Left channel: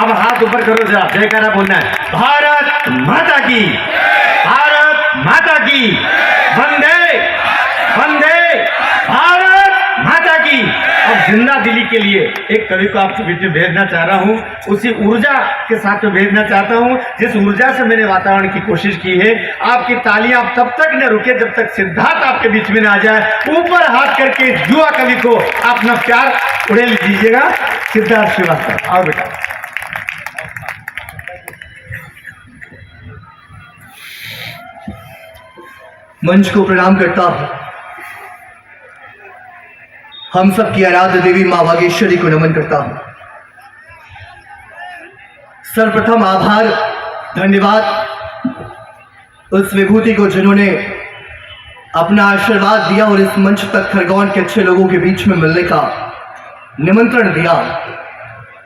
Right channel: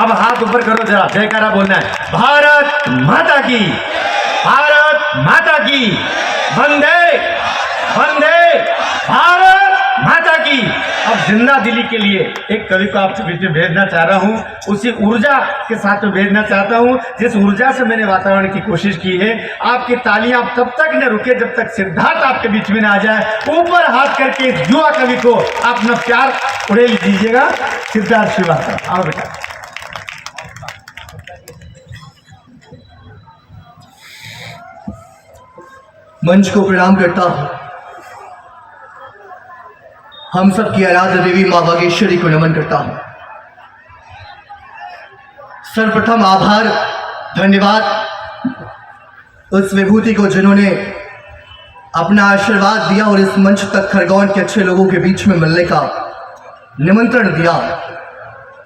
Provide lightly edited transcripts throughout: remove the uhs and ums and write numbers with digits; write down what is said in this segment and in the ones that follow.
अब हाथ ऊपर करो जरा, जयकारा बोलना है। भारत माता की, भारत माता की, वंदे वंदे भारत माता की। अब जिंदा दिली के लिए एक कवि को आपके बीच में भेजना चाह रहा हूँ, उसी ऊर्जा के साथ में भेजना चाहता हूँ जिस ऊर्जा से मैंने वातावरण की कोशिश की है। आपकी तालियां तब तक न रुके जब तक सिद्धार्थ आपके बीच में न आ जाए। ऊपर हाथ करके इस युवा कवि को अपना प्यार उड़ेल दीजिएगा। सिद्धार्थ श्रीवास्तव, आओ बेटा। मंच को प्रणाम करता हूं। हम सब की आराध्य देवी मां बागेश्वरी को नमन करता हूं। सर्वप्रथम आभार, धन्यवाद उस विभूति को जिन्होंने अपना आशीर्वाद दिया और इस मंच तक खरगोन के अच्छे लोगों के बीच में मिलने का निमंत्रण दिया।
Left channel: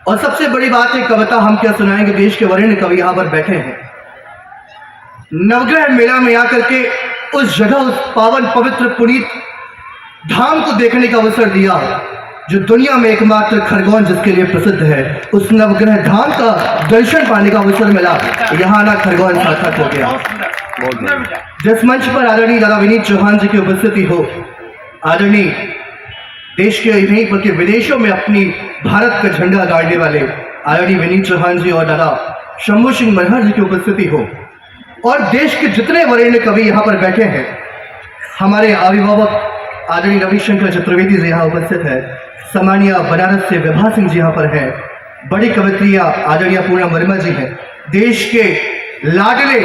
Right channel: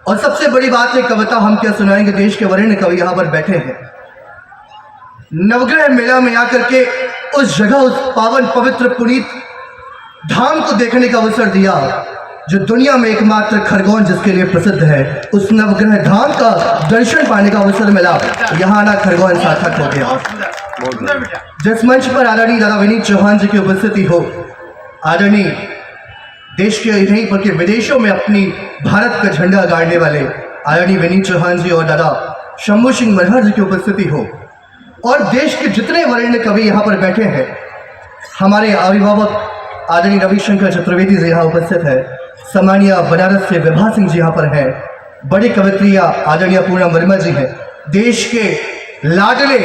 और सबसे बड़ी बात है, कविता हम क्या सुनाएंगे, देश के वरेण्य कवि यहां पर बैठे हैं। नवग्रह मेला में आकर के उस जगह, उस पावन पवित्र पुनीत धाम को देखने का अवसर दिया जो दुनिया में एकमात्र खरगोन जिसके लिए प्रसिद्ध है। उस नवग्रह धाम का दर्शन पाने का अवसर मिला, यहाँ ना खरगोन सार्थक हो गया। जिस मंच पर आदरणीय दादा विनीत चौहान जी की उपस्थिति हो, आदरणीय देश के नहीं बल्कि विदेशों में अपनी भारत का झंडा गाड़ने वाले आदरणीय विनीत चौहान जी और दादा शंभू सिंह मनहर जी की उपस्थिति हो, और देश के जितने वरेण्य कवि यहाँ पर बैठे हैं, हमारे अभिभावक आदरणीय रविशंकर चतुर्वेदी जी यहाँ उपस्थित है, सम्मानीय बनारस से विभा सिंह जी यहाँ पर हैं, बड़ी कवित्रिया आदरणीय पूनम वर्मा जी हैं, देश के लाडले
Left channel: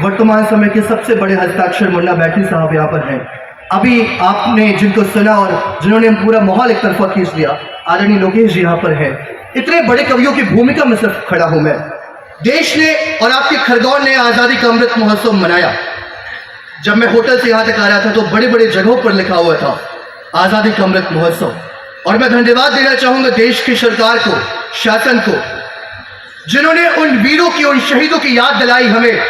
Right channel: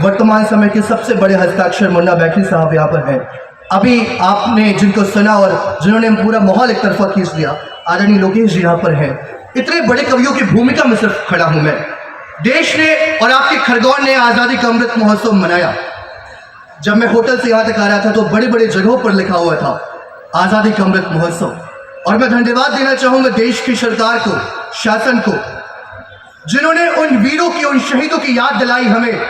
वर्तमान समय के सबसे बड़े हस्ताक्षर मुन्ना बैठरी साहब यहाँ पर हैं। अभी आपने जिनको सुना और जिन्होंने पूरा माहौल एक तरफा खींच दिया, आदरणीय लोकेश जी यहाँ पर हैं। इतने बड़े कवियों की भूमिका में सिर्फ खड़ा हूँ मैं। देश ने और आपके खरगोन ने आज़ादी का अमृत महोत्सव मनाया। जब मैं होटल से यहाँ तक आ रहा था तो बड़े बड़े जगहों पर लिखा हुआ था आज़ादी का अमृत महोत्सव। और मैं धन्यवाद देना चाहूँगा देश की सरकार को, शासन को, जिन्होंने उन वीरों की, उन शहीदों की याद दिलाई हमें,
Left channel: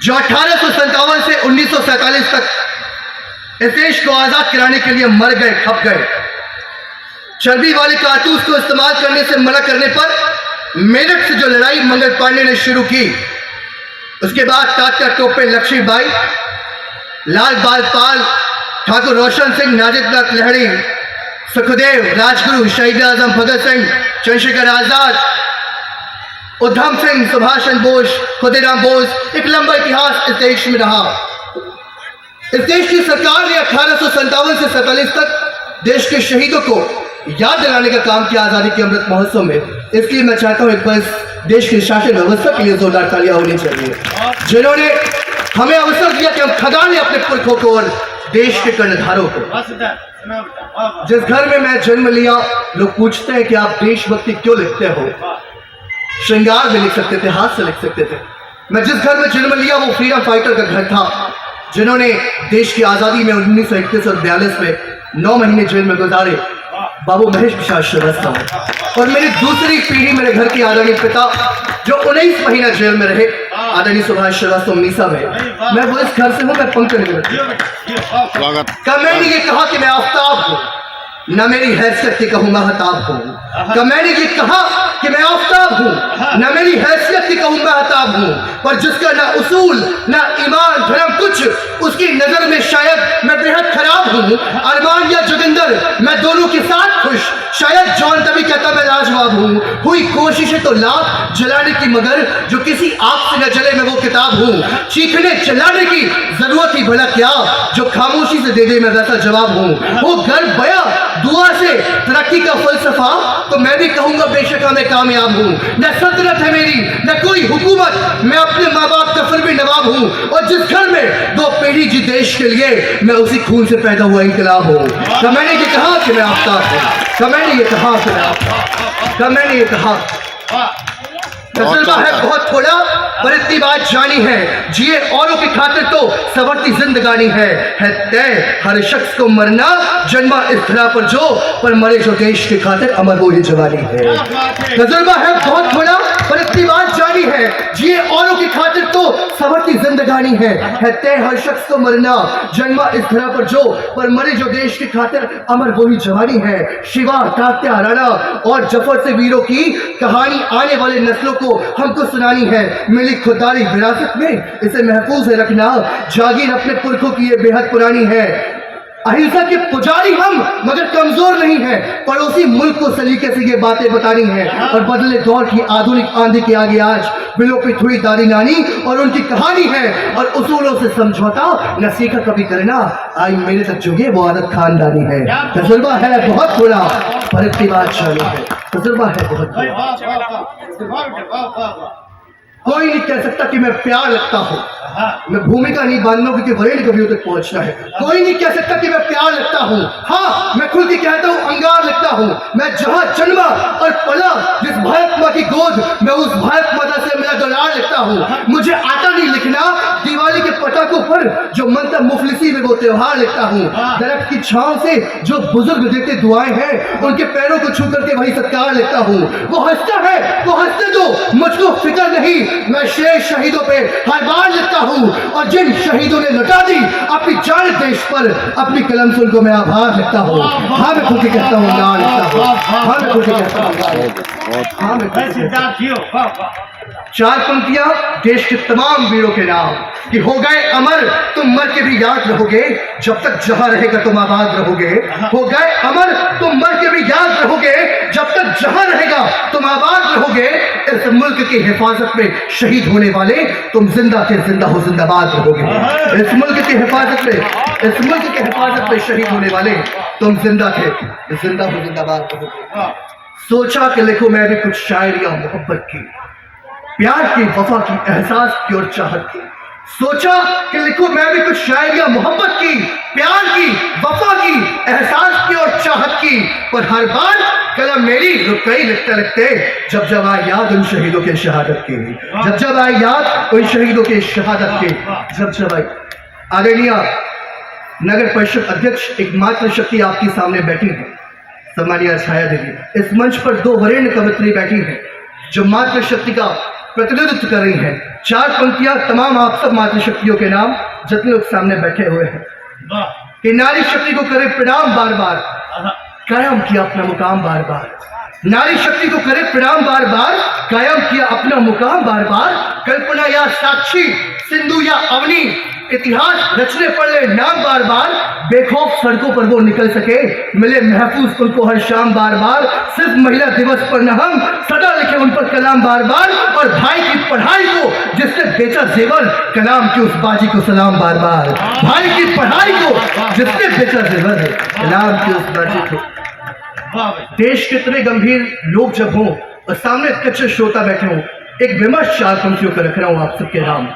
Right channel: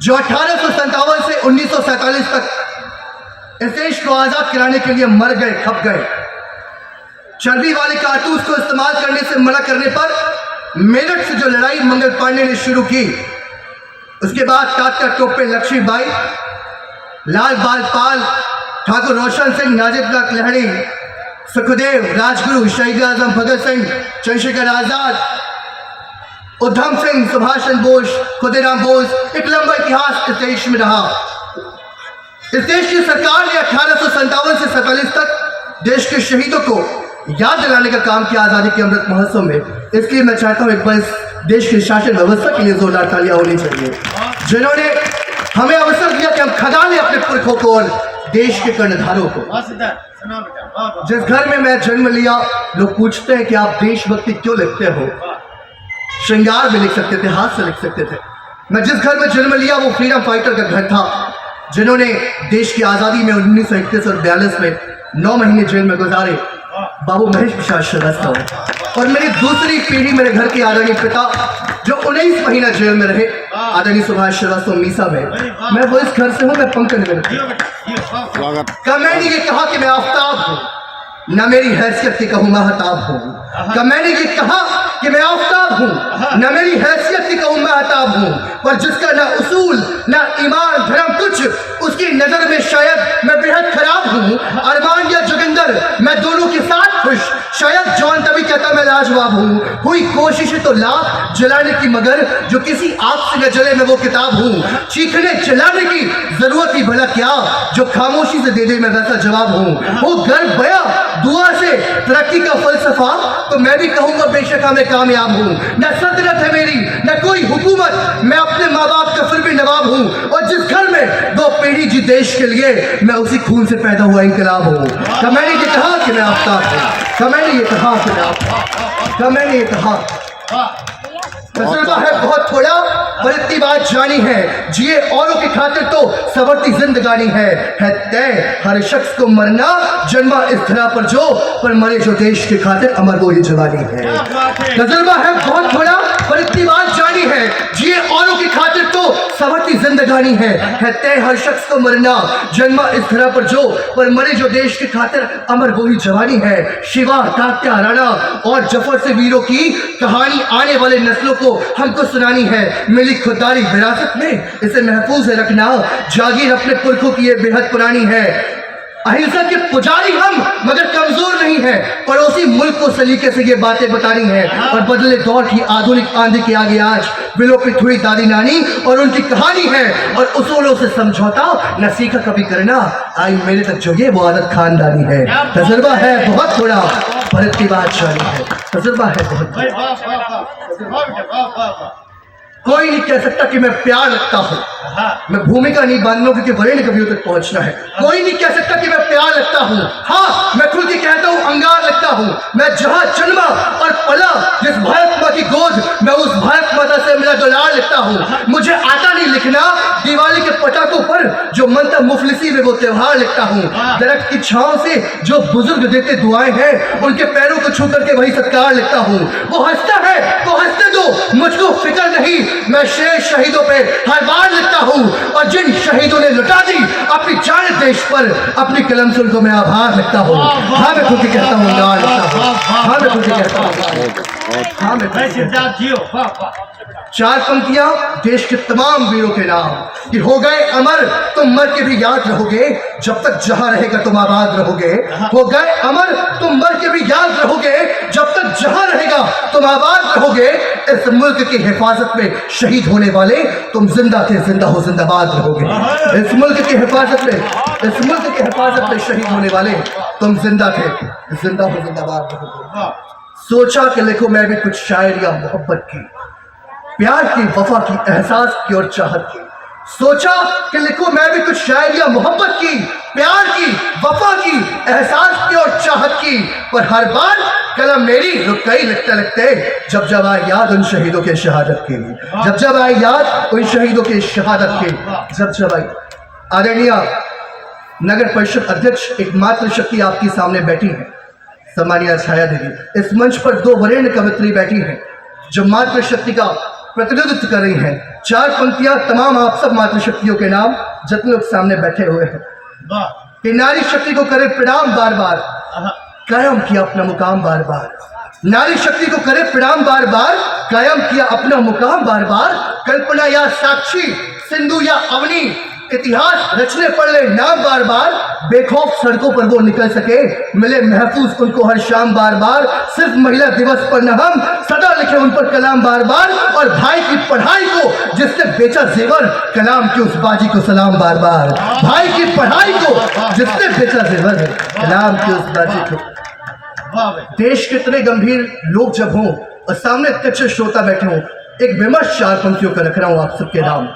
जो 1857 से 1947 तक इस देश को आज़ाद कराने के लिए मर गए, खप गए। चर्बी वाले कारतूस को इस्तेमाल करने से मना करने पर मेरठ से जो लड़ाई मंगल पांडे ने शुरू की, उसके बाद तात्या टोपे, लक्ष्मीबाई, लाल बाल पाल, ठाकुर रोशन सिंह, नाजिरनाथ लहड़ी, सुखदेव, राजगुरु, शहीद आजम भगत सिंह, चंद्रशेखर आजाद, उधम सिंह, सुभाष चंद्र बोस, खुदीराम बोस, एक लंबा इतिहास इस देश में रहा। इस देश की सरकार ने 1857 से 47 तक देश के शहीदों को याद दिलाने का काम किया आजादी के अमृत महोत्सव में। इसलिए मैं चाहता हूं एक बार देश की शासन व्यवस्था के लिए जोरदार तालियां होनी चाहिए, जिन्होंने हमें अवसर दिया कि हम खदाने अपने पुरखों को और देश के कर्णधारों को। जिस घर में मैं जन्म लिया, लोग पूछते हैं कि आप देशभक्ति क्यों लिखते हो। श्रृंगार में लिख सकते थे, हाथ से लिख सकते थे। मैं जिस घर में जन्म लिया वो फ्रीडम फाइटर का घर था, जिन्होंने देश की आज़ादी में 1941 और 42 में 9 महीने जेल में गुजारे, बाबू महेश प्रसाद श्रीवास्तव। और मेरी दूसरी पीढ़ी, मेरे घर के आदरणीय पिता जो 19 महीना जेल में रहे, आदरणीय सुभाष श्रीवास्तव मीसा भाई। मैं वो इस घर से हूँ, मैं पंकज स्वागत। क्या मैंने ये कहा कि मैं आफ्ताब हूँ, न मेरी हैसियत की कहूँ महताब हूँ। क्या मैंने ये कहा कि मैं आफ्ताब हूँ, न मेरी हैसियत की कहूँ महताब हूँ। पर जिसका न उसूल न ईमान धर्म कुछ, उसकी नजर में शायद मैं बेहद खराब हूँ। अरमान या जोगिंदर, मैं दोनों के साथ खुश, शायद जॉन तभी कहता मैं लाजवाब हूँ। हुई कोशिशें तो लाख जलाने की, मगर जो किसी आग से न जले मैं वो किताब हूँ। चीखने चिल्लाने की जरूरत ही भला क्या, जो खामोशी से दे दे मैं वैसा जवाब हूँ। वो घर बया दुआ से तरक्की का फलसफा, तो मैं भी कहूंगा बेशक मैं कामयाब हूँ। न सल्तनत है मेरी न कोई हुकूमत, मैं अपने माँ बाप का फिर भी नवाब हूँ। और जिस घर में 2 पीढ़ी जी देश के लिए, मैं उसी खून से पैदा हुआ इंकलाब हूँ। क्या मैंने ये कहा कि मैं आफ्ताब हूँ, क्या मैंने ये कहा कि मैं आफ्ताब, क्या मैंने ये कहा। तजुर्बा है बहुत थोड़ा पर इतनी बात जानी है, जिए औरों की खातिर तो सवरती जिंदगानी है तय हर शख्स को मरना, जन्मा इस धरा पर जो, पर मरे जो देश की खातिर अमर वो ही जवानी है। तजुर्बा है बहुत थोड़ा पर इतनी बात जानी है, जिए औरों की खातिर तो सवरती जिंदगानी जानी है तय हर शख्स को मरना, जन्मा इस धरा पर जो, पर मरे जो देश की खातिर, अमर वही जवानी है। शिवा, तात्या, राणा और जफर से वीरों की कहानी आने वाले नस्लों को हमको सुनानी है। मिली खुददारी विरासत में, इसे महफूज है रखना, जागीर अपने पुरखों की ये बेहद पुरानी है। अहिंसा के पुजारी हम, मगर कमजोर नहीं है, पड़ोसी मुल्क को सलीके से ये बातें बतानी है। और बदले दौर की आधुनिक आंधी के आगे आज विलोपित हुई दादी नानी और उनकी कहानी है, और उसूलों से समझौता न सीखा कभी करना, आई मेरे तक जो ये वो आदत खानदानी है। तजुर्बा है बहुत थोड़ा, पर की बात शानी है, तजुर्बा है बहुत थोड़ा। कोई नहीं कह सकता कि मैं प्यार लगता हूँ, मैं भूमिका नहीं बांधना क्योंकि वरीण कवियों तक पहुंचना है। कोई नहीं कह सकता कि मैं प्यार लगता हूँ, हाँ मैं खुद ही कहता हूँ अंगार लगता हूँ। मैं जहाँ जन्मा और पला जिस भारत माँ की गोद, मैं उस भारत माता से मेरा दुलार लगता हूँ। मुझे आता नहीं लिखना, दिवाली के पटाखों पर जो मनता मुफलिसी में वो त्योहार लिखता हूँ। दरख्त की छांव से जो बुजुर्ग देते दुआएं हैं, उनके पैरों को छू करके वही सत्कार लिखता हूँ। वो हंसता है तो हंसते दो, मुझको फिक्र नहीं, मैं शेर शहीदों पे हर बार लिखता हूँ, और जिन शहीदों ने लुटा दी अपनी जान देश पर, अपनी कलम से उनको मैं आभार लिखता हूँ। हाँ मैं खुद ही कहता हूँ यार लिखता हूँ, हाँ मैं खुद ही कहता हूँ, हाँ मैं खुद ही कहता हूँ। चार पंक्तियां देश के तमाम वीरों के नाम, कि हो गए अमर तुम मर के भी याद रहोगे, जब तक जहां रहेगा तुम आबाद रहोगे। हो गए अमर तुम मर के भी याद रहोगे, जब तक जहां रहेगा तुम आबाद रहोगे। इस मुल्क की हिफाजत में शहीद होने वाले तुम जिंदा थे, जिंदा हो जिंदाबाद रहोगे। इस मुल्क की हिफाजत में, इस मुल्क की हिफाजत में शहीद होने वाले तुम जिंदा थे, जिंदा हो जिंदाबाद रहोगे। सोचा कि लिखो मैं भी कुछ शायरियां मोहब्बत की, प्यार की, वफा की, एहसास की और चाहत की। सोचा कि लिखो मैं भी कुछ शायरियां मोहब्बत की, प्यार की, वफा की, एहसास की और चाहत की, पर हर बार कलम मेरी रुक गई लिखते लिखते, जब जब आई याद उन शहीदों के शहादत की, जब जब आई याद उन शहीदों के शहादत की, जब जब आई। आदरणीय नगर परिषद अध्यक्ष एकमात्र शक्ति आपके सामने बैठी है, सम्मानीय छाया देवी। इस मंच पर दो वरेण्य कवित्री बैठी हैं जो मातृशक्ति का प्रतिनिधित्व कर रही हैं। चार पंक्तियां तमाम आप सब मातृशक्तियों के नाम, जितने लोग सामने बैठे हुए हैं, कि नारी शक्ति को करे प्रणाम बार बार, कायम किया अपना मुकाम बार बार। नारी शक्ति को करे प्रणाम बार बार, कायम किया अपना मुकाम बार बार। कल्पना या साक्षी, सिंधु या अवनी, इतिहास रचने पड़े नाम बार बार। बेखौफ सड़कों पर वो निकल सके, मिले महफूज उनको हर शाम बार बार। सिर्फ महिला दिवस पर न हम सदा लिखे उन पर कलाम बार बार। और भाई की पढ़ाई को जिसने बेचा जेवर, कलाम की उस बाजी को सलाम बार बार। भाई की पढ़ाई को जिसने बेचा जेवर है, कलाम की उस बाजी को। देश के इतने गंभीर लोग जब हों और सामने कच्चे श्रोता बैठे हों, एक विमर्श चार पंक्तियों का रख रहा हूं आप सबके नाम।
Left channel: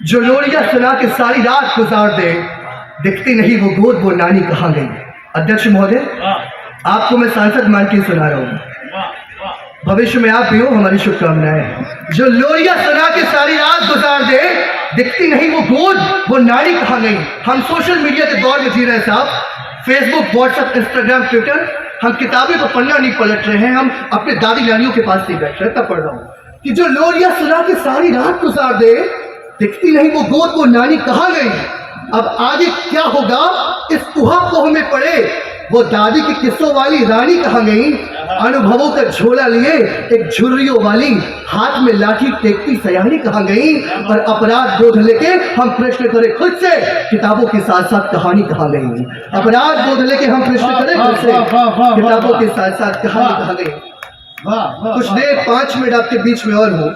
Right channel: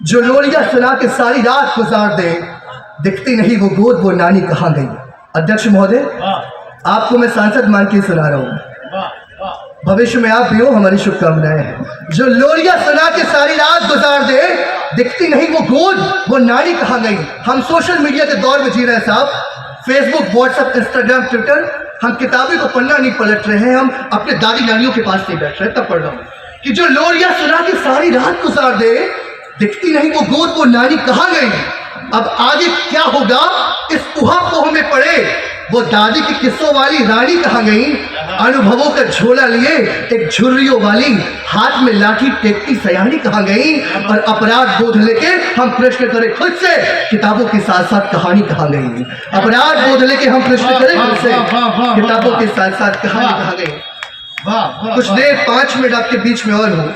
जो लोरिया सुना के सारी रात गुजार दे, दिखती नहीं वो गोद वो नानी कहाँ गई। अध्यक्ष महोदय, आपको मैं सांसद मान के सुना रहा हूँ, भविष्य में आप भी हो, हमारी शुभकामनाएं हैं। जो लोरिया सुना के सारी रात गुजार दे, दिखती नहीं वो गोद वो नानी कहाँ गई। हम सोशल मीडिया के दौर में जी रहे हैं साहब, फेसबुक, व्हाट्सएप, इंस्टाग्राम, ट्विटर। हम किताबें को पन्ना नहीं पलट रहे हैं, हम अपने दादी नानियों के पास नहीं बैठ रहे, तब पढ़ रहा हूँ कि जो लोरिया सुना के सारी रात गुजार दे, दिखती नहीं वो गोद वो नानी कहाँ गई। अब आगे क्या होगा इस उहापोह में पड़े, वो दादी की किस्सों वाली रानी कहाँ गई। अनुभवों का झोला लिए एक झुर्रियों वाली, हाथ में लाठी टेकती सयानी कहाँ गई। और अपराध बोध लेके हम प्रश्न करें खुद से, किताबों के साथ साथ कहानी कहाँ गई। अपराध बोध लेके हम प्रश्न करें खुद से, किताबों के साथ साथ कहानी कहाँ गई। कुछ देर 5 मिनट आपके बीच में और हो,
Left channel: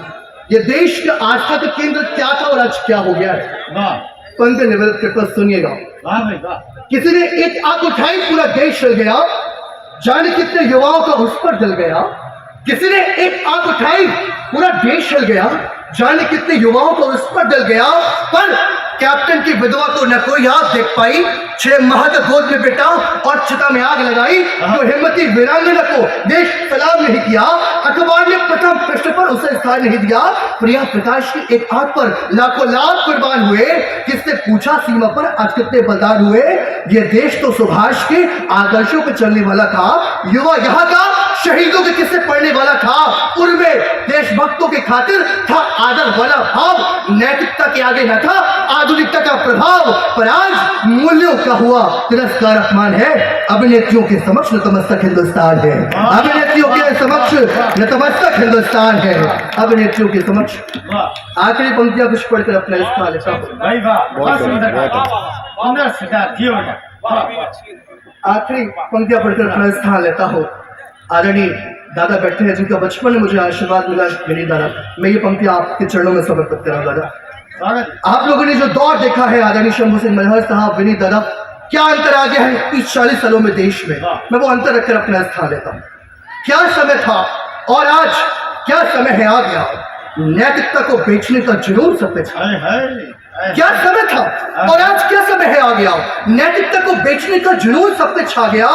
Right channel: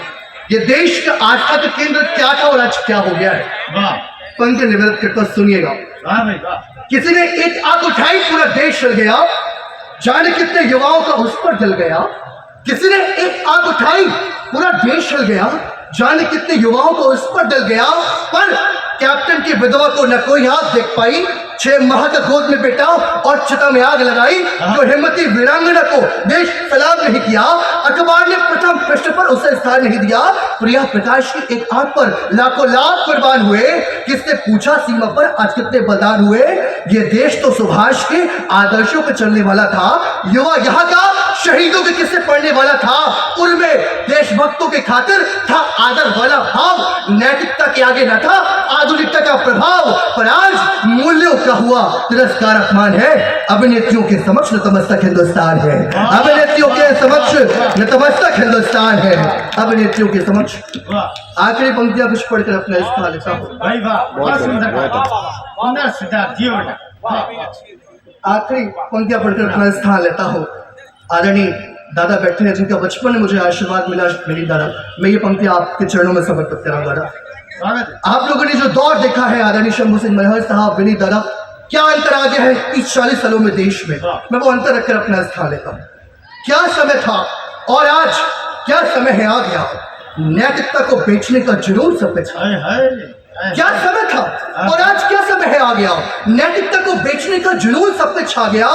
ये देश का आस्था का केंद्र क्या था और आज क्या हो गया है। पंक्ति निवेदन करता सुनिएगा। किसी ने एक आग उठाई, पूरा देश जल गया, जाने कितने युवाओं का उस पर जल गया। किसी ने एक आग उठाई, पूरा देश जल गया, जाने कितने युवाओं को उस पर जल गया। पर कैप्टन की विधवा को न कोई आग देख पाई, 6 माह का गोद में बेटा और चिता में आग लगाई। जो हिम्मती वीरांगना को देश सलाम नहीं किया, अखबार ने प्रथम पृष्ठ पर उसे स्थान नहीं दिया। प्रिया प्रकाश की एक आग पर लाखों लाख कुर्बान हुए, किसने पूछा सीमा पर आज कितने बलिदान हुए। ये देश तो सुभाष के आदर्शों पर चलने वाला था, युवा यहाँ का शहीदों के किस्से पढ़ने वाला था। उनमें देशभक्तों के खातिर था आदर वाला भाव, नैतिकता के आगे न था प्रभाव, पर आज मूल्यों का हुआ तिरस्कार अपमान है। अभिनेत्रियों के समक्ष नतमस्तक हिंदुस्तान है, अभिनेत्रियों के समक्ष नतमस्तक हिंदुस्तान है, अभिनेत्रियों के समक्ष। आखिरी पंक्तियां कुछ पढ़कर अपना स्थान लेता हूं। भाई वाह, बहुत सुंदर, सुंदर सिद्धार्थ जी बेटा, वाह। आखिरी पंक्तियां पढ़कर अपना स्थान लेता हूँ। आदरणीय दादा बैठे हैं जिनका बचपन में मुझे आशीर्वाद मिला, मेरी दादा, मैं ये पंक्तियां आपके चरणों में समर्पित करा दादा। स्वागत। आप लोगों ने जो दौर देखा है आदरणीय शंभू सिंह मनहर साहब, विनीत दादा, क्या अंतर आ गया है 30-40 सालों में देश में, मैं वो अंतर रखकर अपना स्थान लेता हूँ। क्या समय था और आज क्या समय है आ गया। नैतिकता को बेचने का जुनून सब पे छा। क्या समय था और आज क्या समय है आ गया। नैतिकता को बेचने का जुनून सब पे छा गया।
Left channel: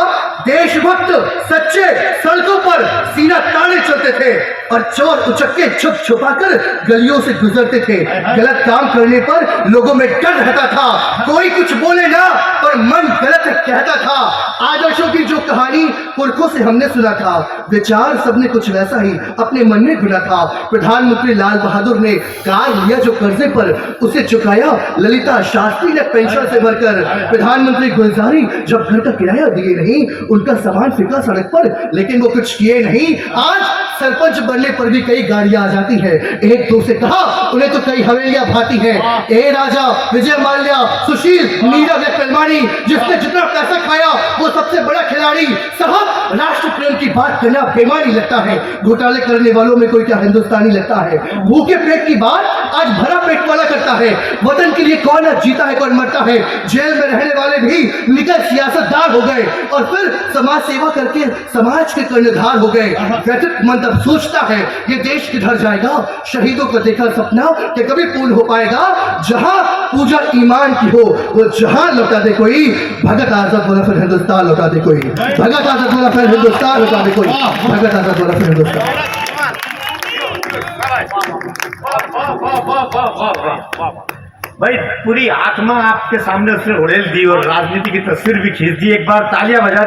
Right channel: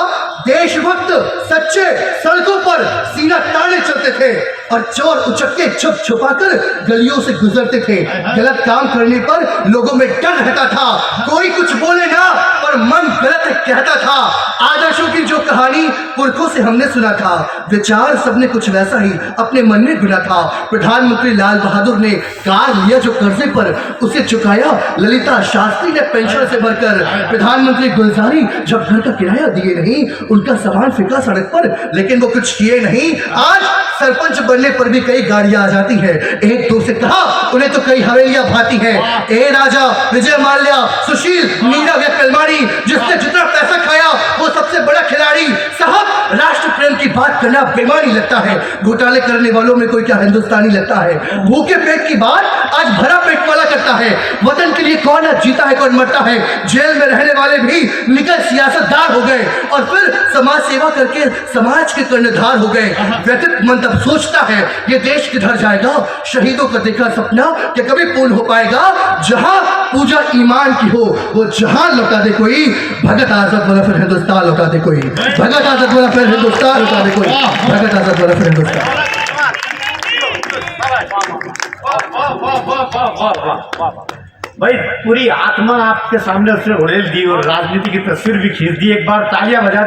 देशभक्त सच्चे सड़कों पर सीना ताने चलते थे और चोर उचक्के छुप छुपाकर गलियों से गुजरते थे। गलत काम करने पर लोगों में डर रहता था, कोई कुछ बोले ना पर मन गलत कहता था। आदर्शों की जो कहानी पुरखों से हमने सुना था, विचार सबने कुछ वैसा ही अपने मन में गुना था। प्रधानमंत्री लाल बहादुर ने कार लिया जो कर्जे पर, उसे चुकाया ललिता शास्त्री ने पेंशन से भरकर। प्रधानमंत्री गुलजारी जब घर का किराया दिए नहीं, उनका सामान फेंका सड़क पर, लेकिन वो कुछ किए नहीं। आज सरपंच बनने पर भी कई गाड़ियां आ जाती है, एक दो से कहा उन्हें तो कई हवेलियां भाती हैं। ए राजा, विजय माल्या, सुशील, नीरव या कलमाड़ी, जिसने जितना पैसा खाया वो सबसे बड़ा खिलाड़ी। साहब, राष्ट्र प्रेम की बात करना बेमानी लगता है, घोटाले करने वालों में कोई क्या हिंदुस्तानी लगता है। भूखे पेट की बात आज भरा पेट वाला करता है। वतन के लिए कौन जीता है कौन मरता है। जेल में रहने वाले भी निकल सियासतदार हो गए और फिर समाज सेवा करके समाज के कर्णधार हो गए। व्यथित मन तब सोचता है ये देश किधर जाएगा। शहीदों का देखा सपना कि कभी पूर्ण हो पाएगा। जहां पूजा ईमान की हो वो जहां लौटा दे कोई। भगत आजाद वाला फिर हिंदुस्तान लौटा दे कोई। भगत आजाद वाला फिर हिंदुस्तान लौटा दे कोई। भगत आजाद वाला फिर हिंदुस्तान। भाई पूरी आत्मा आपके सामने उसने उड़ेल दी और राजनीति की तस्वीर भी खींच दी। एक बार तालियां बजा